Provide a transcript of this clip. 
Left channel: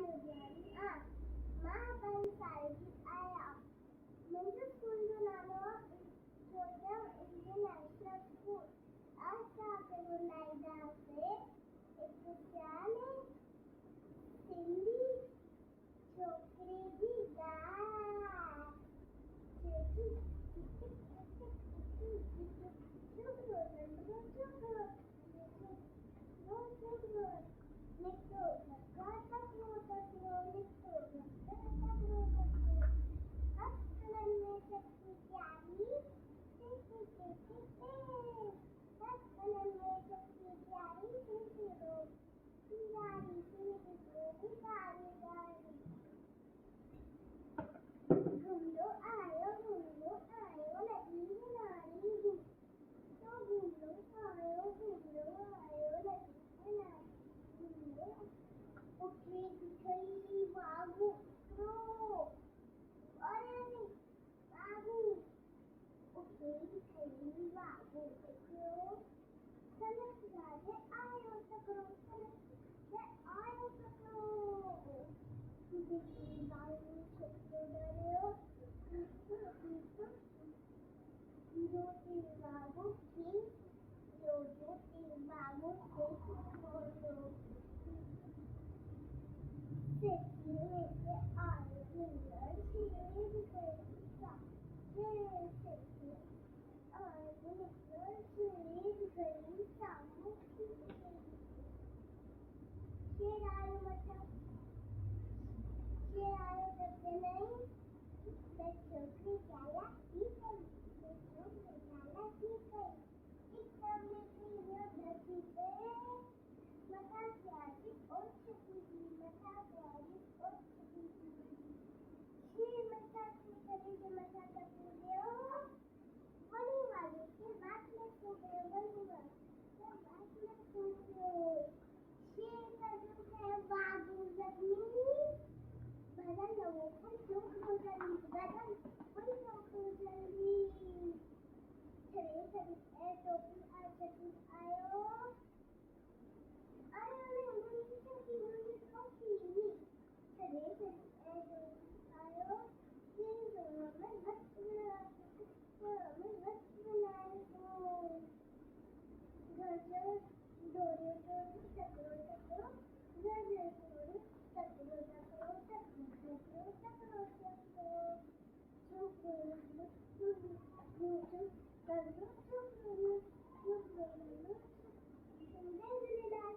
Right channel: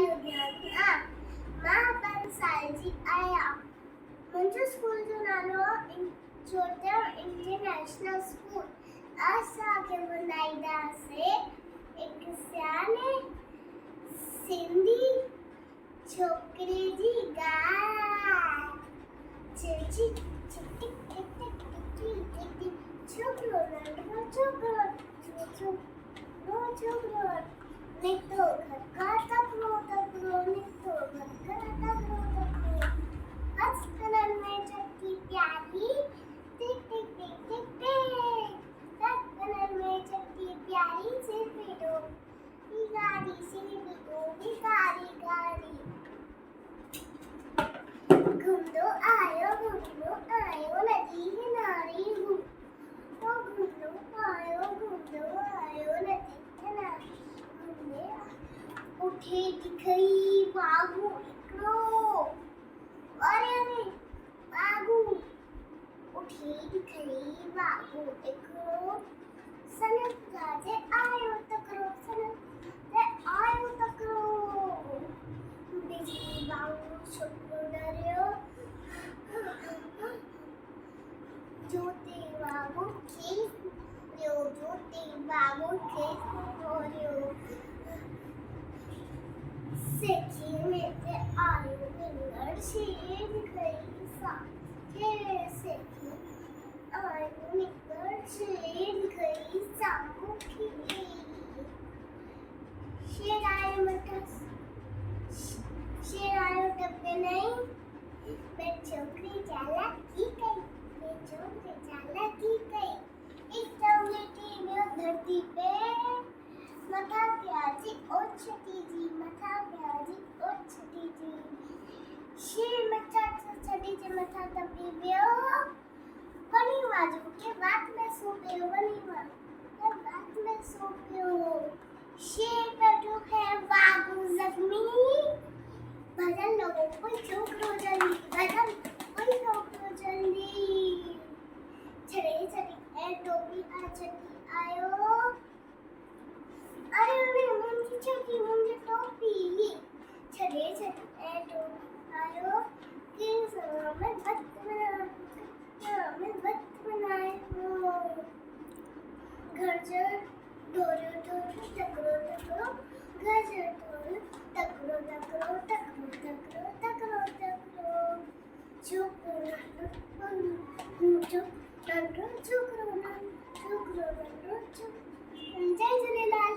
लुधियाना मां बंसालजी आया मुंहिंजो स्कूल जो नालो आहे ज्योतिर्मय इंटरनेशनल स्कूल। असांखे ॿुधाईंदासीं हिकु सियाने सिंधी छोकिरे जी ॻाल्हि। चेची टिक टिक टिक टिक टिक टिक टिक छोकिरो नंढो छोकिरो निकितो घर खां तकिड़ो निकितो घर खां तकिड़ो हस्कननि में चकी प्यारी टिक टिक टिक टिक टिक हस्कननि में चकी प्यारी सिर पीड़ो गाड़ी सिर पीड़ो गाड़ी गाड़ी घूमदो आयो नदी किनारे घूमदो आयो नदी किनारे घूमदे उठे दिखई बाबू हिकिड़ो अरे बाबू उठे दिखई बाबू हिकिड़ो सनक गाजे आयो तकिड़ो बिजली बाबू छोकिरो डरियो ज्योति बाबू खे खोलियो सेठी में ते आयो विंगड़ शेर गई साथे सेठी आयो विंगड़ शेर गई सामुखी शेर आयो डब्बे नहीं मैं छोकरी चालाकी कई इस चौलेटी में धरती पे मथा प्याजी ओछती जी शेर मचा चढ़ी जे मथा तपी वियो बनी बाजू के बात में सो पियो शेर बैठो है बाबू जख्मी भजन लोगों कोई छोकरो जल्दी छड़े ए टोपी आ चकी आयो अरे मुझे टोपी छड़े ए टोपी आयो के समय में बत बनाए हो घर जर डोरो टकरो घर जर डोरो टकरो छोकरो जय झूलेलाल।